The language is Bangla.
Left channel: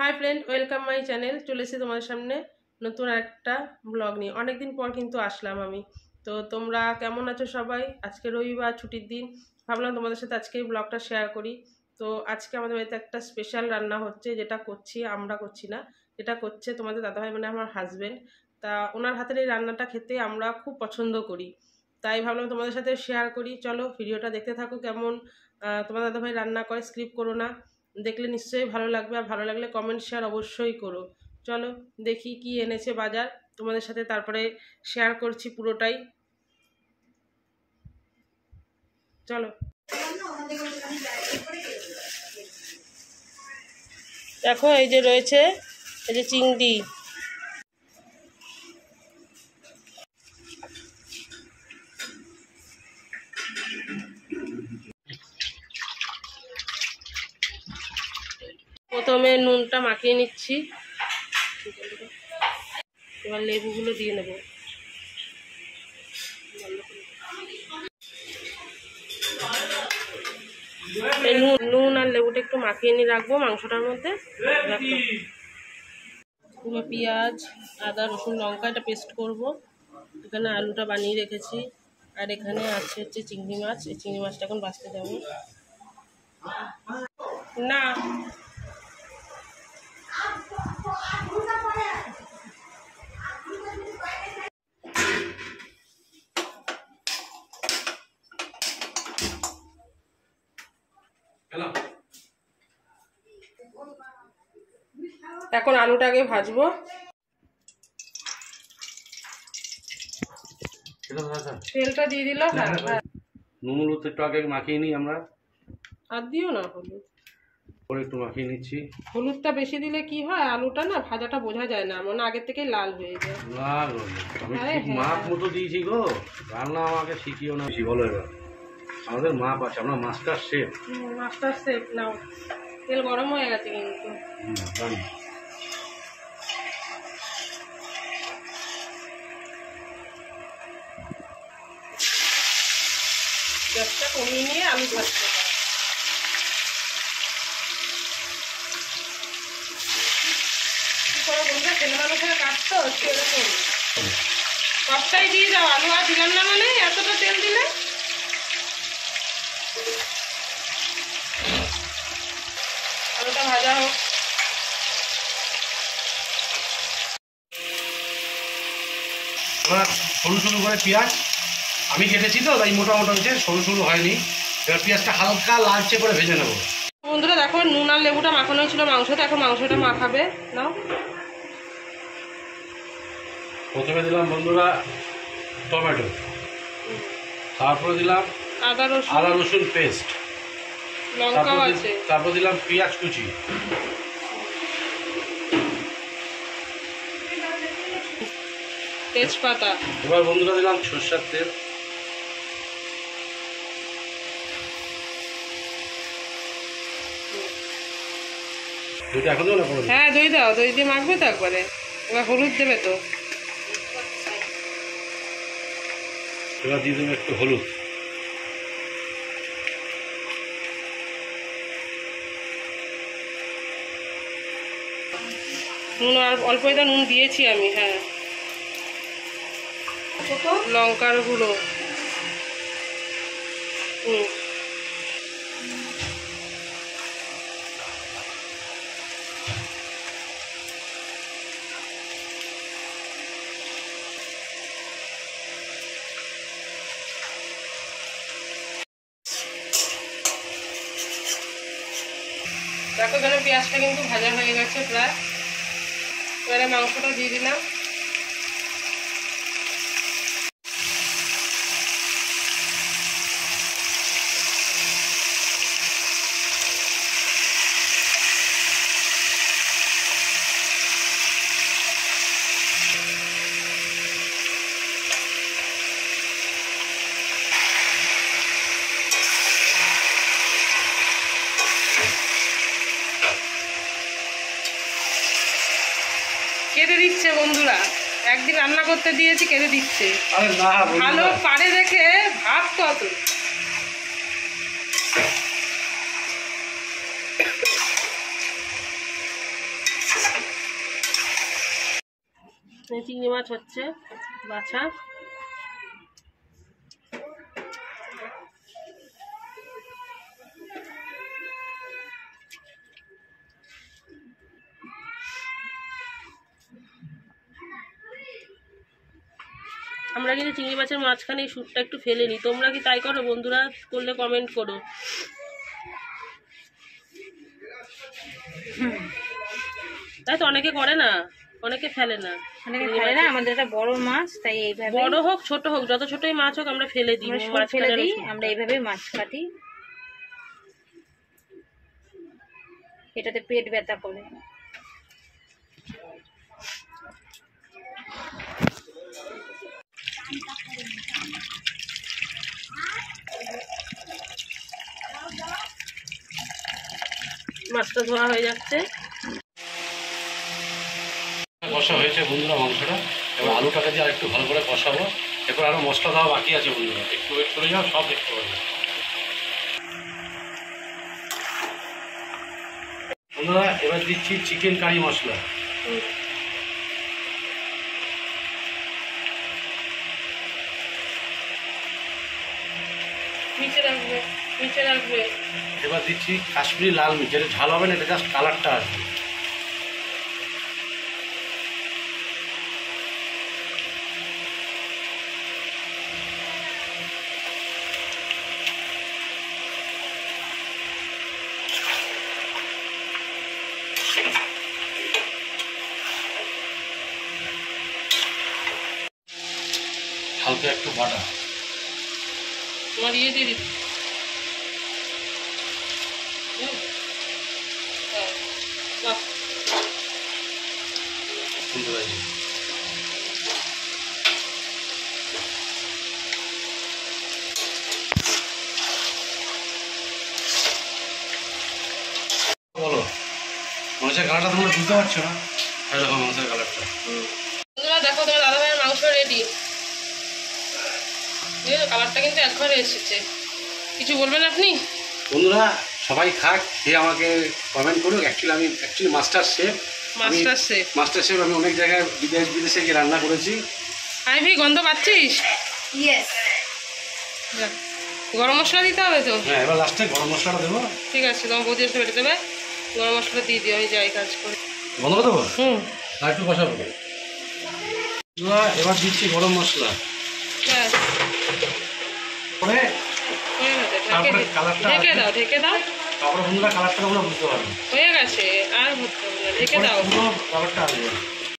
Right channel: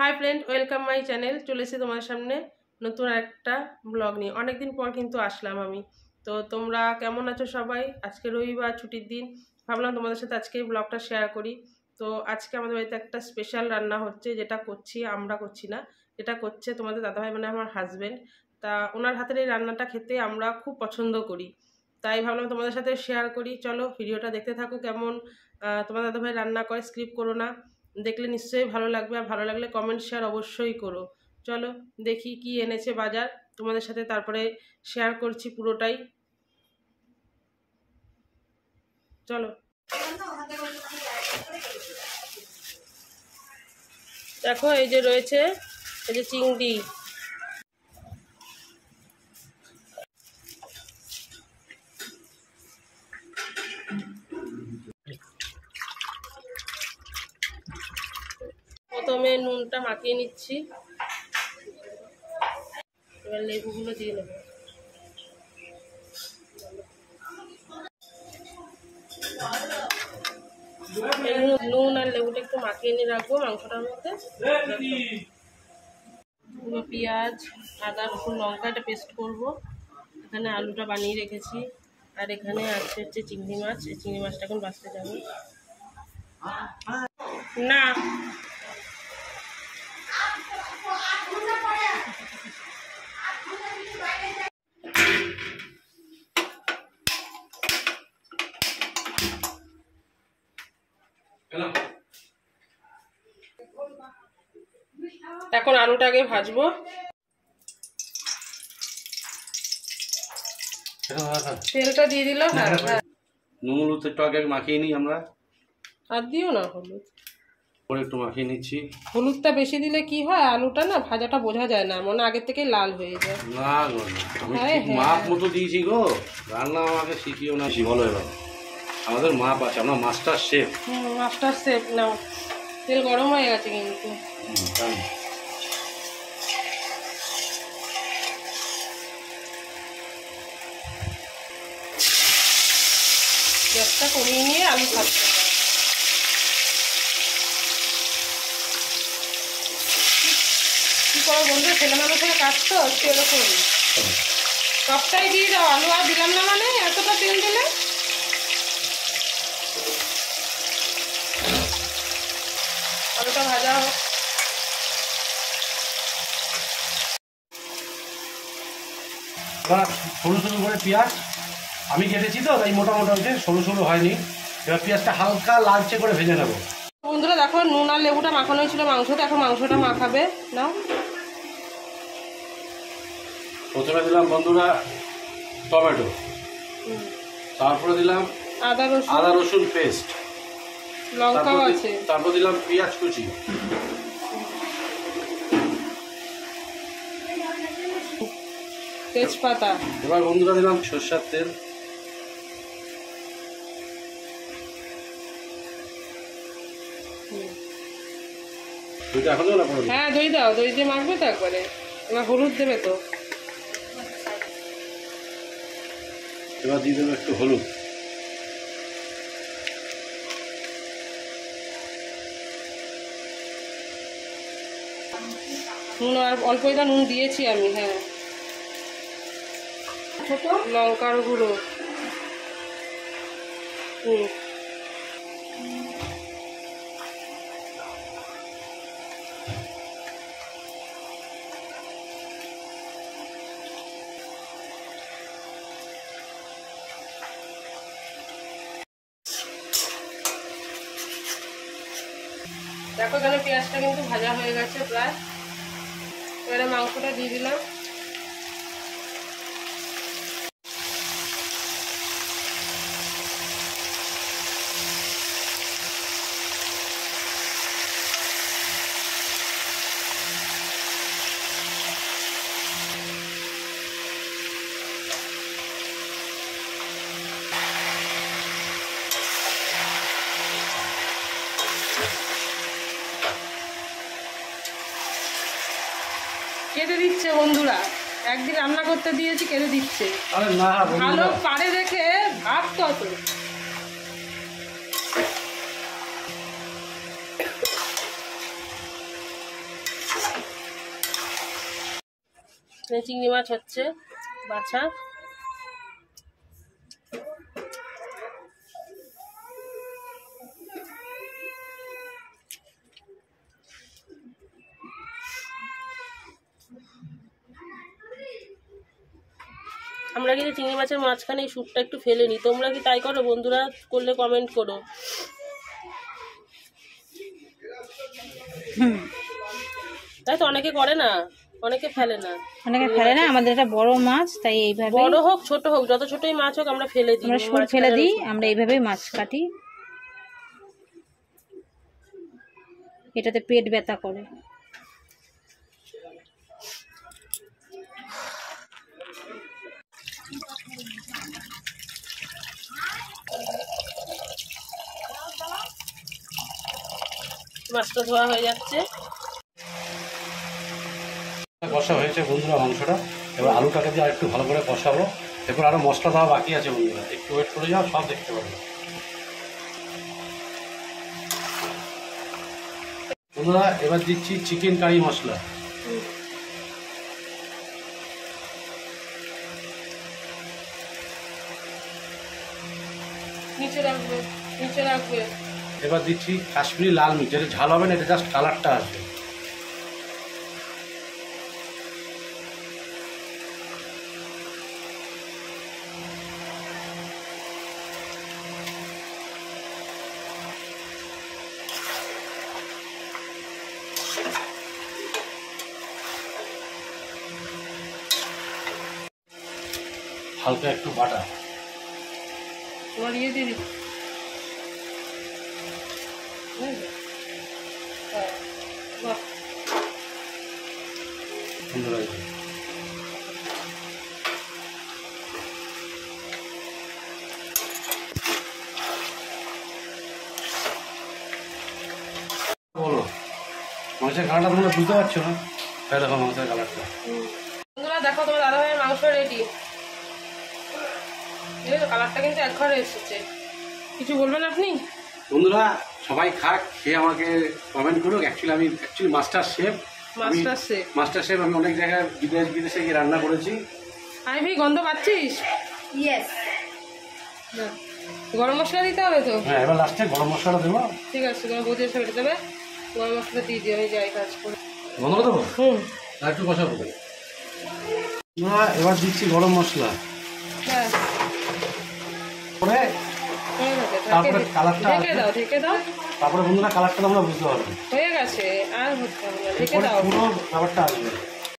High friend welcome my channel चले एसे तुम्हारे सामने नतून একটা ব্লগ নিয়ে অনেকদিন পর কিন্তু আসলাম আমি। তো তোমরা কেমন আছো সবাই? আজকে রবিবার ছুটির দিন, ভাবলাম তোমাদের সাথে আজকে এই ব্লগটা শেয়ার করি। তো আজকে আমাদের বাড়িতে একটা স্পেশাল রান্না হচ্ছে, যেটা করছি আমরা, করছি না, যেটা করছে তোমাদের দাদাভাই মানে আমার হাজব্যান্ড। তা ওনার হাতের এই রান্নাটা খেতে আমরা খুব পছন্দ করি, তাই ভাবলাম তোমাদের সাথে শেয়ার করি। চলো ভিডিওটা দেখতে থাকো কেমন তোমার দাদাভাই রান্না করে, স্কিপ করো না, দেখলে নিশ্চয়ই ভালো লাগবে। আর ভালো লাগলে কমেন্ট শেয়ার অবশ্যই করো। চলো দেখি কি এনেছে বাজার, তোমাদের সাথে তারপরে শেয়ার করছি পুরোটাই। চলো দেখো, এই যে রয়েছে, এই যে চিংড়ি, প্রথমে নুনটা মাখিয়ে নিচ্ছি, এবার লেবুগুলো দিয়ে নেব। নুন আর লেবুটা একটু মাখিয়ে নিয়ে রাখবো মাংসটার মধ্যে। পুরো পেঁয়াজ, আদা, রসুন, লঙ্কা এটা পেস্ট করব। এখানে আলুটা বানিয়ে রেখেছি, আর এখানে আছে হচ্ছে চিংড়ি মাছ। এই চিংড়ি মাছটা এখন বাছতে যাবো না। এখন আলুটাকে ভাজবো। তেলটা দিয়ে দিল। হ্যাঁ হ্যাঁ, নুন হলুদ একটু আগে মাখিয়ে নিই আমরা। আর দিও না হলুদ, পরে একটু মাখিয়ে নিচ্ছি। হলুদটা বেশি দিলে কি হয়, আলুটা না ভাজাটা বোঝা যায় না, মনে আগের থেকে লাল হয়ে যায়। লাল মাপ মতো দিয়েছি গো, রান্না আমাকে শিখিও না। বলো এবার, আমাদের মাপ আছে, আমরা মাস্টার শেফ। মাস্টার শেফ নাও। তেল গরম হয়ে গেছে কিন্তু। গ্যাসটা কমিয়ে নিয়ে আলু ভাজতে হবে। কি করো বন্ধু, ছেলে মানুষ হয়ে কাটতো একটু এরকম সবটাই দিয়ে দাও। আলু আর দিলাম না মানে এতটা তেল দিলে। আলুটা ভাজা হোক। সরু সরু করে পেঁয়াজ আমি কেটেছি তো, তাই মোটা মোটা হয়েছে, সরু সরু হয়নি। এবার পেঁয়াজটা হালকা লালচে করে ভেজে নেবো। বন্ধুরা দেখো, নুন আর লেবুটা মাখানো হয়েছিল মাংসটা, এখন মাংসটা মাখাবে নাও। প্রথমে দিলাম বন্ধুরা টমেটো, তারপরে দিলাম আদা রসুন পেস্ট, লঙ্কা আছে, তারপর দিলাম পেঁয়াজ কুচি, তেজপাতা। এবার বন্ধুরা দিলাম সরষের তেল, এখন দেবো না? হ্যাঁ দই দাও, দই দিয়ে মাখবে তো একবারে। এবার হলুদ দেবে তো। এবার দিয়ে দেবো একটু হলুদ, নুন আর অল্পই তো নুন দিয়েছি আমি। হ্যাঁ, লঙ্কার গুঁড়ো। দেখো এখানে পেঁয়াজটা কিন্তু ভাজা হয়ে গেছে প্রায়। এবারে মাংসটা দিয়ে দিলাম। কেটে দিচ্ছে বন্ধুরা, একদিন রান্না করতে দিয়েছি, কেটে দিচ্ছে। ভালো পারে দেখে ভাব কত। চিংড়ি মাছ হচ্ছে বাছা। আমরা কিন্তু চিংড়ি মাছের মাঝখানে এই সুটটা একটু ফেলে নিই, তোমরা কি তাই করো বন্ধুরা? করলে কমেন্ট করো। তাই তো অনেকে করে না, অনেকে ফেলে না, আমাদের এটা বড় মাছ, তাই এইভাবে বড় হোক ছোট হোক যত ছোটই মাছ হোক আমরা ফেলে দিই, আমরা এইভাবে মাছ কাটি। এটাতে পেট ব্যথা করে। মাছটা ধোয়া হয়ে যাচ্ছে। কষা হয়েছে বন্ধুরা মাংসটা, এবার আলুটাকে দিয়ে আরেকটু ভালো করে কষাবো। এরপর আরো মশলা দেওয়া বাকি আছে বন্ধুরা, একটু ওয়েট করে যাও, সব দেখতে পাবে বন্ধুরা। এবার দিচ্ছি চিকেন কারি মশলা। নিচে রাখবে, নিচে রাখবে। এবার দিচ্ছি কাশ্মীরি লাল মির্চ, যেটা ঝাল হবে না, এটা জাস্ট কালারটা আসবে। হালকা একটু বাটা তোমার দিয়ে দিবি। বাহ, সুন্দর হয়েছে। বলো মাংসের কালারটা তোমরা বুঝতে পারছো না? এই দেখো মাংসের কালারটা। বন্ধুরা দেখো তোমার দাদা ভাইয়ের মাংস রেডি। দেখো কালারটা কিন্তু একবারে এসেছে। কিছু বলবেন আপনি? বন্ধুরা সবাই খাক, খেয়ে আমাকে কমেন্ট করুক। আমি মাস্টার শেফ। মাস্টার শেফ আমি অনেক জায়গায় বিদেশে গিয়ে রান্না করেছি। আই ভাই গন্ধ পাচ্ছিস? ইয়েস। গরম মশলা দিতে হবে তো? হ্যাঁ, এবার লাস্টে গরম মশলাটা দেবো। ঠিক আছে, তোমার বৌদি এসে বেটে দেবে, গরম মশলা দিয়ে দিও, আমি যাই কাজ করে। বন্ধ করে দেবো? আর একটু কষাবো। এবার দিচ্ছি গরম মশলা। হ্যাঁ, ঢেকে দাও, ঢেকে দাও। তারপরে বন্ধুরা কালারটা আমরা বুঝতে পারবো। হয়ে গেছে, আর হতে হবে না, ঢেকে দাও। পুরো খাবারটা আসবে।